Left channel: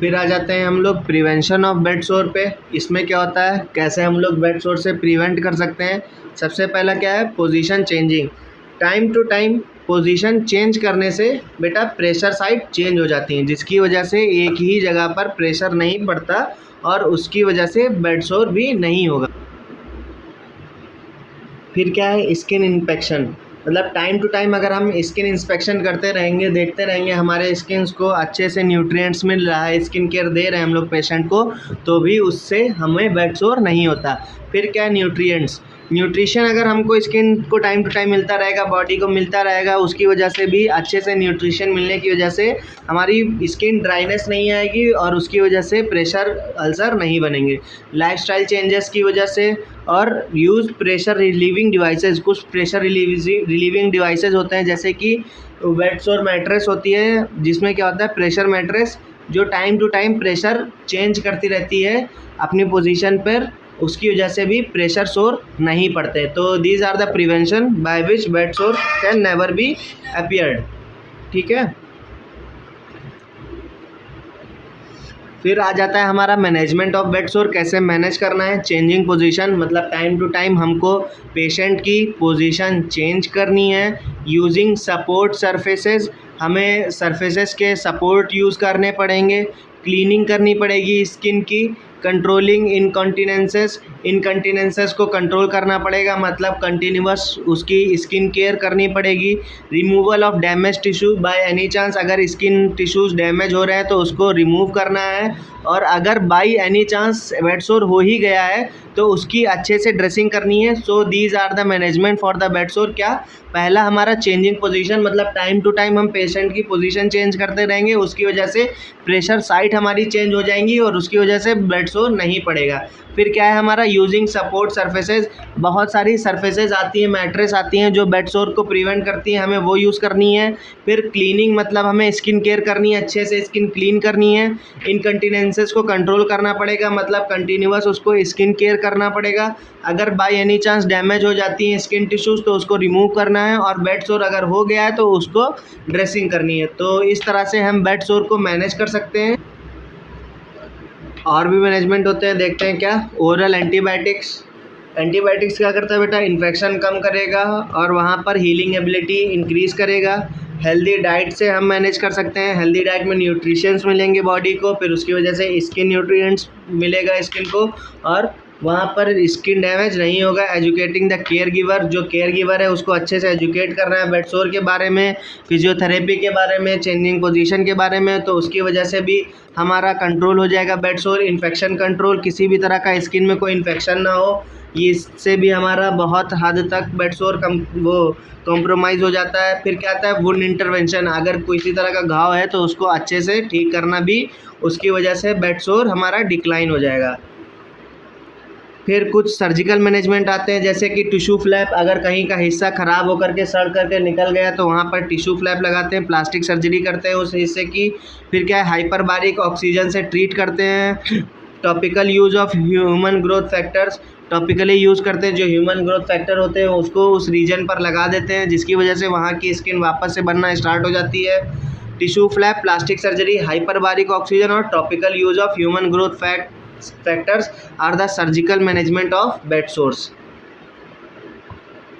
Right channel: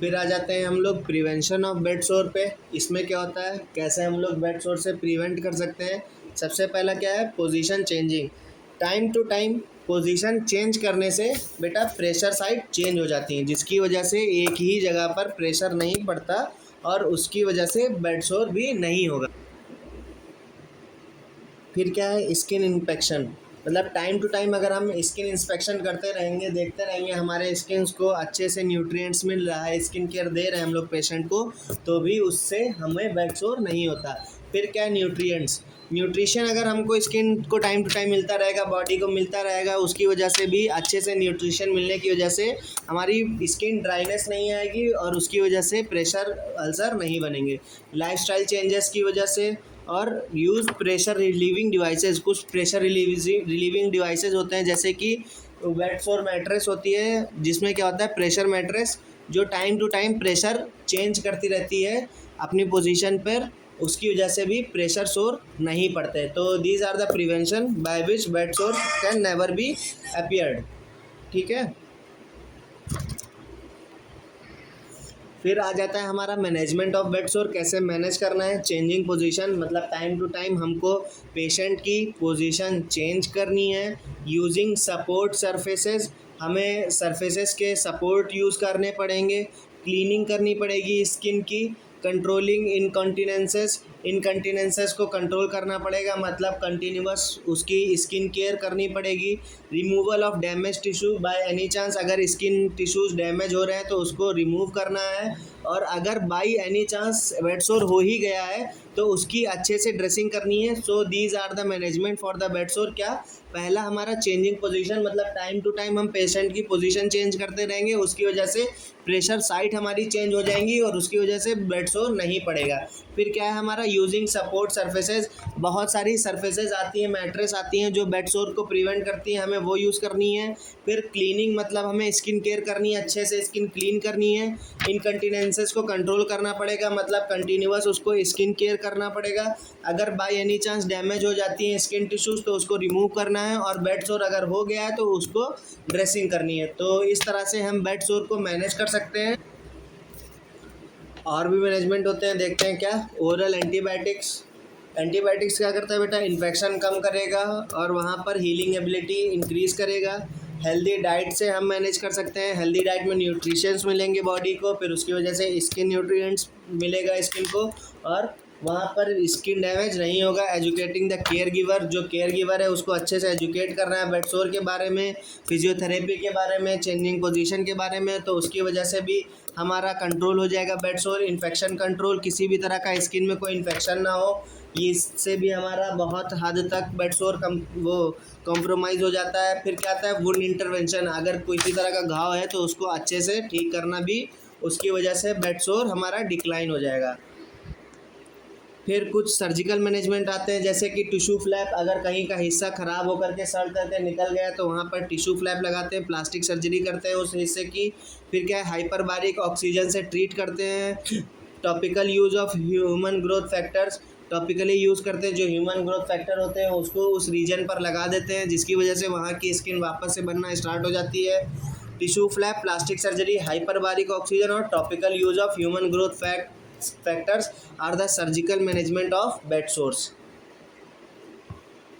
फिर आ जाते हैं हम लोग प्रिवेंशन ऑफ बेड सोर पे। इसमें क्या होता है, कैसे हम लोग बेड सोर से प्रिवेंट कर सकते हैं। सबसे पहला क्या है, position changing. Time to time position change करने से बेटा प्रेशर साइड चेंज हो जाती हैं, जिसकी वजह से एक ही जगह पर प्रेशर नहीं पड़ता और उसकी वजह से बेड सोर भी नहीं होगा। फिर क्या है, स्किन इंस्पेक्शन। मतलब टाइम टू टाइम अगर हम स्किन इंस्पेक्शन करते रहेंगे, देखते रहेंगे हमारे स्किन को अच्छे से न्यूट्रिएंट्स मिल रहा है, स्किन केयर दे रहे हैं हम लोग पेशेंट को, तो भी उससे हमें बेड सोर नहीं होता। फिर क्या है, न्यूट्रिएंट्स। न्यूट्रिशन अगर हमको स्किन को टाइम टू टाइम मिलता रहेगा, बॉडी को मिलता रहेगा, उसकी वजह से भी अच्छे से न्यूट्रिशन मिलने की वजह से हमारी स्किन ड्राइनेस नहीं आएगी और उसकी वजह से प्रेशर अल्सर नहीं बनेंगे। लाइफस्टाइल चेंजेस की वजह से और यूज़ प्रेशर रिलीविंग डिवाइसेस। कुछ प्रेशर रिलीविंग डिवाइसेस होते हैं, जैसे कि बेड सोर मैट्रेस होती है, जिसमें क्या होता है, प्रेशर मैट्रेस जो time to time pressure change करती रहती है अपनी पोजीशन पर, उसकी वजह से भी प्रेशर सोर नहीं पड़ते। तो these are the prevention by which bed sore can never be appeared. ठीक है। फिर आ जाता है हमारा मैनेजमेंट ऑफ बेड सोर। कैसे मैनेज करना है, चेंजिंग पोजीशन, मतलब टाइम टू टाइम हमको पेशेंट की पोजीशन चेंज करनी है। यूजिंग सपोर्ट सरफेसेस, हमें सरफेसेस के सपोर्ट यूज़ करने पड़ेंगे। क्लीनिंग करनी पड़ेगी स्किन की। कंट्रोलिंग इनकंटीनेंसेस को कंट्रोल करना पड़ेगा, मतलब कंटिन्यूअस उसकी स्किन केयर करनी पड़ेगी। Removal of damage tissue by any chance, अगर स्किन टिश्यूज़ डैमेज हो रहे हैं तो उसको रिमूव करना है। और अगर बाई एनी चांस बेड सोर हो ही गया है तो उसकी अच्छे से ड्रेसिंग करनी है। So these are the management for the bed sore. क्या, पहला हमारा चेंजिंग पोजीशन, मतलब टाइम टू टाइम हम पेशेंट की पोजीशन चेंज करते रहेंगे, उसकी वजह से प्रेशर साइट हमारी चेंज हो जाएंगी और उसकी वजह से बेड सोर नहीं पड़ेगा। फिर क्या है हमारा, यूजिंग सपोर्ट सरफेसेस। बहुत सारी सरफेसेस आती हैं, मैट्रेस आती हैं जो बेड सोर को प्रिवेंट करती हैं, हमें वो यूज़ करनी है। फिर क्लीनिंग, मतलब हमें स्किन केयर करनी है, अच्छे से स्किन क्लीन करनी है। इनकंटीनेंसेस को कंट्रोल करना पड़ेगा, मतलब कंटिन्यूअस उसको स्किन केयर करना पड़ेगा। अगर बाय एनी चांस डैमेज हो जाती हैं स्किन टिश्यूज़ तो उसको रिमूव करना है, और बेड सोर अगर हो गया है तो उसको ड्रेसिंग करनी है। तो इस तरह से हम बेड सोर को मैनेज कर सकते हैं। और भी मैनेजमेंट होते हैं, देखते हैं क्या। Oral antibiotics. एंटीबायोटिक्स क्या करता है बेटा, इन्फेक्शन कम करेगा और वहाँ पर हीलिंग एबिलिटी इंक्रीज़ करेगा। हेल्दी डाइट से हम मैनेज कर सकते हैं। हेल्दी डाइट में न्यूट्रिशंस मिलेंगे बॉडी को, फिर उसकी वजह से स्किन न्यूट्रिएंट्स मिलेगा स्किन को, और वहाँ पर स्किन डैमेज नहीं होगा। एजुकेटिंग द केयर गिवर, जो केयर गिवर है उसको अच्छे से एजुकेट करना है बेड सोर के बारे में, फिजियोथेरेपी के बारे में, चेंजिंग पोजीशन के बारे में, तो उसकी वजह से भी हमारा कंट्रोल हो जाएगा बेड सोर। इन्फेक्शन कंट्रोल, किसी भी तरह का स्किन में कोई इन्फेक्शन ना हो, इससे भी हमारा बहुत हद तक बेड सोर कॉम्प्रोमाइज़ हो जाता है। फिर क्या आता है, वुंड इंटरवेंशन। अगर किसी तरह का घाव है तो उसको अच्छे से ठीक करना भी, उसकी वजह से बेड सोर हमारा डिक्लाइन हो जाएगा। फिर कुछ सर्जिकल मैनेजमेंट आते हैं, जैसे कि टिश्यू फ्लैप। अगर कहीं का हिस्सा ख़राब होकर के सड़ करके निकल गया तो वहाँ पर टिश्यू फ्लैप लगाते हैं, प्लास्टिक सर्जरी करते हैं उस हिस्से की। फिर क्या है, हाइपरबारिक ऑक्सीजन से ट्रीट करते हैं। Topical use of human growth factors, topically use करते हैं, जो ह्यूमन ग्रोथ फैक्टर होते हैं उसको उस रीजन पर लगा देते हैं, जिसकी वजह से वहाँ की स्किन वापस से बनना स्टार्ट हो जाती है। Tissue flap, plastic surgery, hyperbaric oxygen और topical use of human growth factors are the surgical management of bed sores.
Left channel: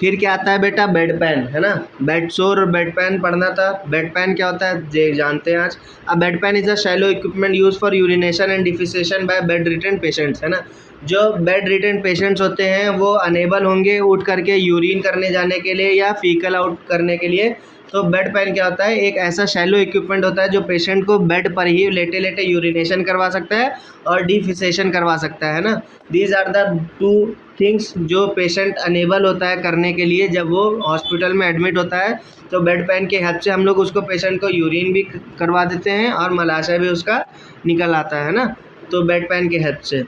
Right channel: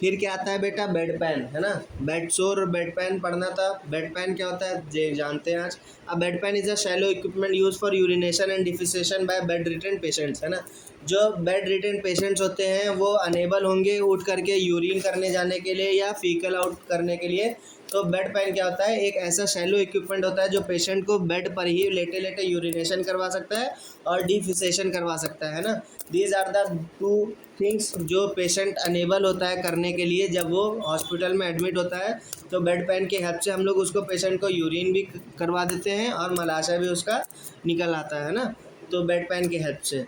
फिर क्या आता है बेटा, बेड पैन, है ना। बेड सोर और बेड पैन पढ़ना था। बेड पैन क्या होता है ये जानते हैं आज। A bedpan is a shallow equipment use for urination and defecation by bedridden patients, है ना। जो बेड रिटन पेशेंट्स होते हैं वो अनेबल होंगे उठ करके यूरिन करने जाने के लिए या फीकल आउट करने के लिए, तो बेड पैन क्या होता है, एक ऐसा शैलो इक्विपमेंट होता है जो पेशेंट को बेड पर ही लेटे लेटे यूरिनेशन करवा सकता है और डिफिसेशन करवा सकता है ना। These are the two things जो पेशेंट अनेबल होता है करने के लिए जब वो हॉस्पिटल में एडमिट होता है, तो बेड पैन के हेल्प से हम लोग उसको, पेशेंट को यूरिन भी करवा देते हैं और मलाशय भी उसका निकल आता है ना, तो बेड पैन के हेल्प से।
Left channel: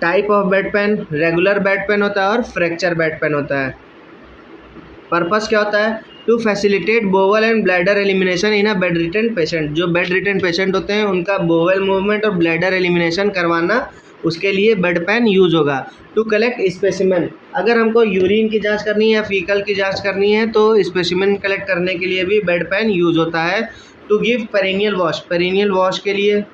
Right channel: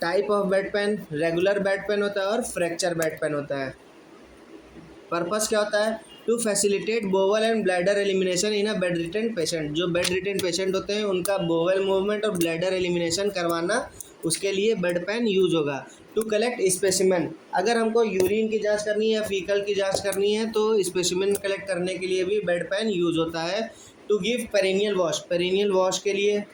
Type of bed pan, regular bed pan होता है और फ्रैक्चर बेड पैन होता है। पर्पस क्या होता है, to facilitate bowel and bladder elimination in a bed ridden patient. जो बेड रिटन पेशेंट होते हैं उनका बोवल मूवमेंट और ब्लैडर एलिमिनेशन करवाना, उसके लिए बेड पैन यूज़ होगा। टू कलेक्ट स्पेसिमेन, अगर हमको यूरिन की जांच करनी है या फीकल की जांच करनी है तो स्पेसिमेन कलेक्ट करने के लिए भी बेड पैन यूज़ होता है। टू गिव पेरिनियल वॉश के लिए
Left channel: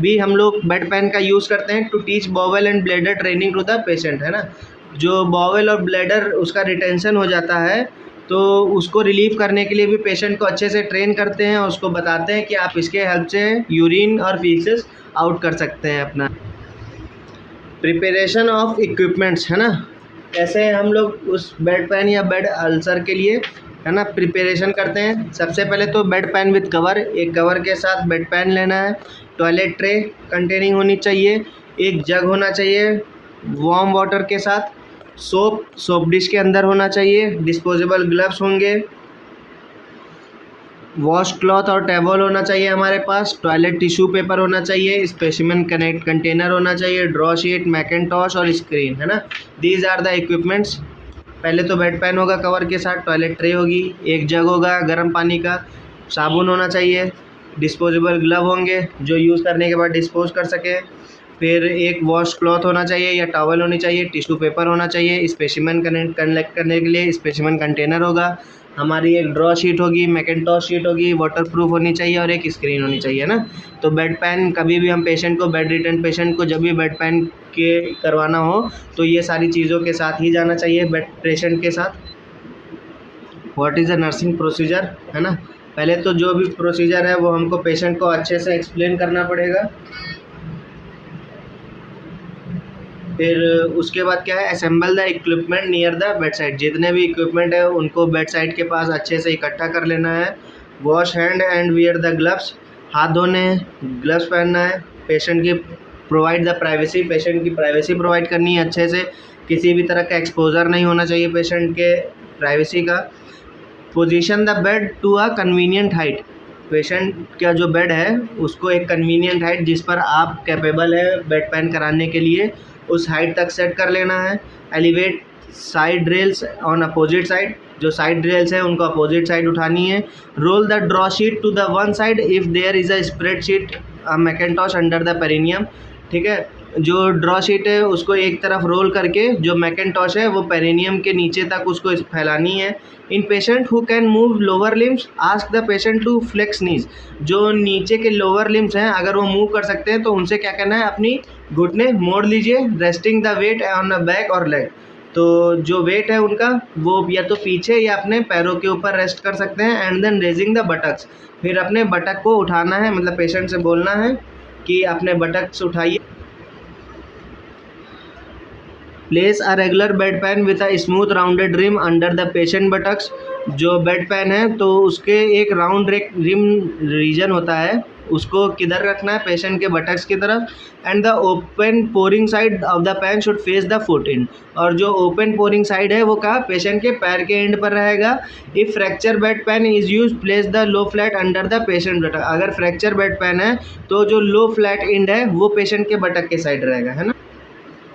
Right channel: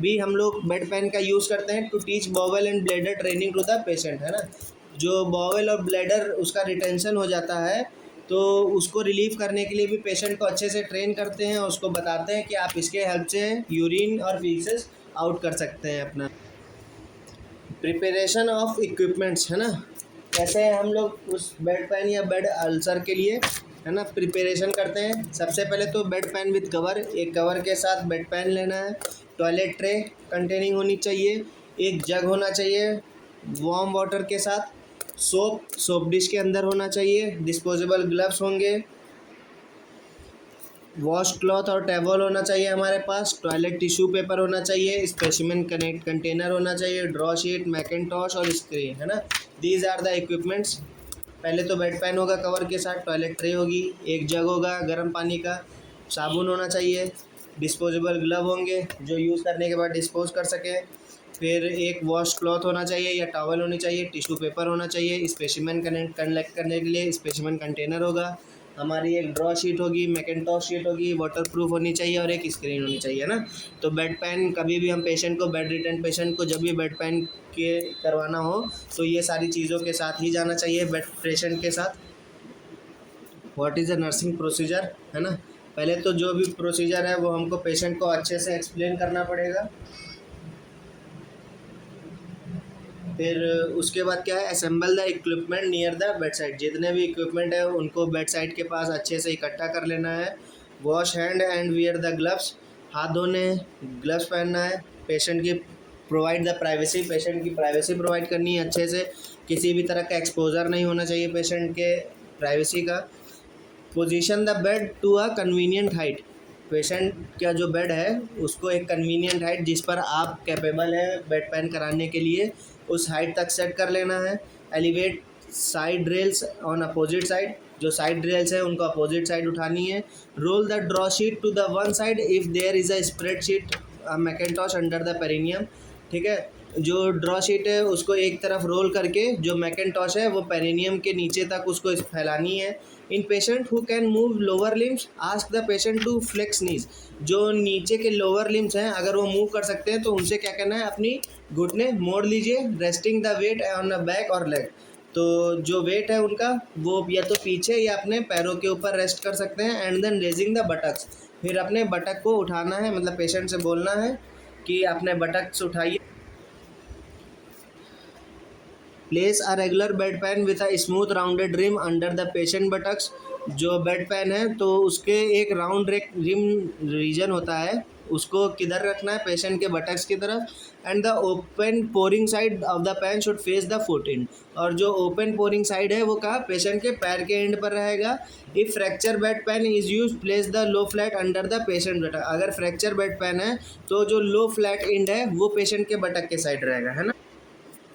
भी हम लोग बेड पैन का यूज़ करते हैं। To teach bowel and bladder training to the patient, है ना, जो बॉवल और ब्लैडर उसका रिटेंशन हो जाता है तो उसको रिलीव करने के लिए भी पेशेंट को अच्छे से ट्रेन करते हैं और उसको बताते हैं कि आप इसके हेल्प से यूरिन और फीसेस आउट कर सकते हैं अपना। प्रिपरेशन ऑफ इक्विपमेंट्स, है ना, कैसे हम लोग उस बेड पैन या बेड अल्सर के लिए, है ना, प्रिपरेशन करते हैं। सबसे पहले तो बेड पैन विद कवर, एक कवर के साथ बेड पैन लेना है। टॉयलेट ट्रे कंटेनिंग होनी चाहिए, एक जग होना चाहिए वार्म वाटर के साथ। सोप डिश के अंदर होना चाहिए। डिस्पोजेबल ग्लव्स होंगे। वॉश क्लॉथ और टैवल होना चाहिए हमारे पास। टॉयलेट टिश्यू पेपर होना चाहिए। स्पेसिमेन कंटेनर होना चाहिए। ड्रॉ शीट, मैकेंटॉश और स्क्रीन, है ना, दीज आर द इक्विपमेंट्स। पहले तो बेड पैन होगा कवर के साथ, टॉयलेट ट्रे होगी, एक जग होगा गर्म पानी का, साबुन होना चाहिए, डिस्पोजेबल ग्लव होंगे जो यूज़ करने के बाद डिस्पोज कर सके, फिर एक वॉश क्लॉथ होना चाहिए या टॉवल होनी चाहिए, टिश्यू पेपर होना चाहिए, स्पेसिमेन कलेक्ट करने के लिए स्पेसिमेन कंटेनर होगा, हमारी एक ड्रॉ शीट होगी, मैकेंटॉश शीट होगी, वाटरप्रूफ होनी चाहिए और एक स्क्रीन होनी चाहिए ना। तो बेड पैन कभी भी हम पेशेंट को, बेड रिटर्न पेशेंट को जब भी बेड पैन के करवाना हो तो ये सारी चीज़ों के साथ ही जाना चाहिए बेड पेशेंट के साथ। What is the nursing procedure, है ना, पहले तो जो भी प्रोसीजर है वो हमको पेशेंट को अच्छे से एक्सप्लेन करना पड़ेगा। फिर उसके बाद क्या है, assemble the equipment near the bed side, जितने भी इक्विपमेंट है उनको बेड साइड के पास अच्छे से इकट्ठा कर लेना है। Wash hand and wear the gloves, हाथ धोने हैं, ग्लव्स पहनना है। पेशेंट की प्रोवाइड द प्राइवेसी, पेशेंट की प्राइवेसी प्रोवाइड करनी है अच्छे से, किसी भी तरह का एक्सपोजर नहीं होना चाहिए पेशेंट के प्राइवेसी का। Position the bed to a convenient height, patient का जो बेड है उसको एक कन्वीनियंट हाइट जिस पर आप कैपेबल है बेड पैन कराने के लिए उस हाइट तक सेट कर लेना है। Elevate side rails on opposite side, जो साइड रेल्स हैं उनको अपोजिट साइड उठानी है। Roll the draw sheet to the one side if there is a spread sheet mackintosh under the perineum, ठीक है, जो ड्रॉ शीट है उसको एक तरफ रोल करके जो मैकेंटॉश है वो पेरिनियम के नीचे तक उसको फैलानी है। In patient who can move lower limbs ask the patient to flex knees, जो नीचे के लोअर लिम्स हैं अगर वो मूव कर सकते हैं तो उनसे क्या करना है, अपनी घुटने मोड़ लीजिए। Resting the weight on the back और लेग, तो जो वेट है उनका वो या तो पीछे या अपने पैरों के ऊपर रेस्ट कर सकते हैं। And then raising the buttocks, फिर अपने बटक को उठाना है, मतलब पेशेंट से बोलना है कि अपने बटक से उठाइए। Place a regular bed pan with a smooth rounded rim under the patient buttocks, जो बेड पैन है तो उसके एक राउंड रिम रीजन होता है उसको किधर रखना है, पेशेंट के बटक्स की तरफ। And the open pouring side of the pan should face the foot and, और जो ओपन पोरिंग साइड है वो कहाँ, पेशेंट के पैर के एंड पर रहेगा। If fracture bedpan is use place the low flat under the patient buttock, अगर फ्रैक्चर बेड पैन है तो जो लो फ्लैट एंड है वो पेशेंट के बटक के साइड रहेगा, है ना।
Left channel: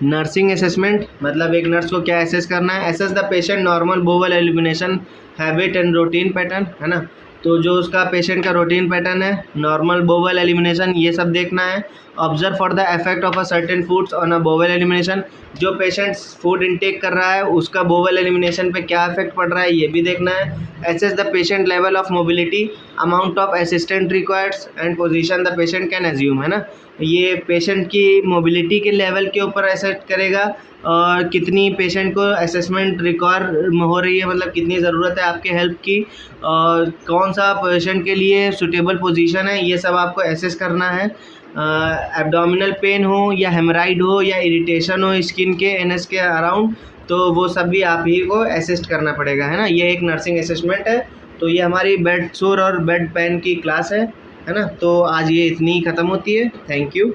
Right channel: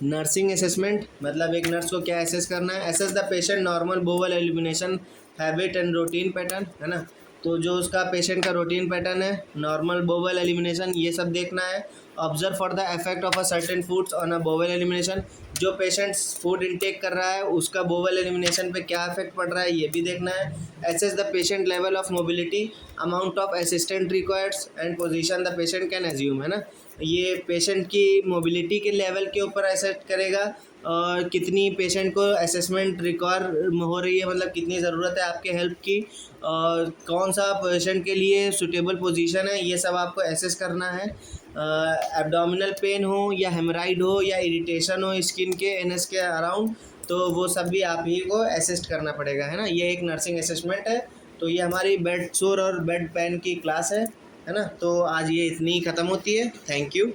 नर्सिंग असेसमेंट, मतलब एक नर्स को क्या असेस करना है, assess the patient normal bowel elimination habit and routine pattern, है ना, तो जो उसका पेशेंट का रूटीन पैटर्न है, नॉर्मल बोवल एलिमिनेशन, ये सब देखना है। Observe for the effect of a certain foods on a bowel elimination, जो पेशेंट फूड इनटेक कर रहा है उसका बोवल एलिमिनेशन पे क्या इफेक्ट पड़ रहा है ये भी देखना है। Assess the patient level of mobility, amount of assistant required and position the patient can assume, है ना, ये पेशेंट की मोबिलिटी के लेवल के ऊपर असेस करेगा और कितनी पेशेंट को असेसमेंट रिक्वायर हो रही है, मतलब कितनी ज़रूरत है आपके हेल्प की, और कौन सा पेशेंट के लिए सुटेबल पोजीशन है, ये सब आपको असेस करना है। एब्डोमिनल पेन हो या हेमराइड हो या इरिटेशन हो स्किन के एनएस के अराउंड, तो वो सब भी आप ही को असिस्ट करना पड़ेगा, है ना, ये एक नर्सिंग असेसमेंट है। तो ये हमारी बेड सोर और बेड पैन की क्लास है ना, तो आज ये इतनी ही ख़त्म होती है। Thank you.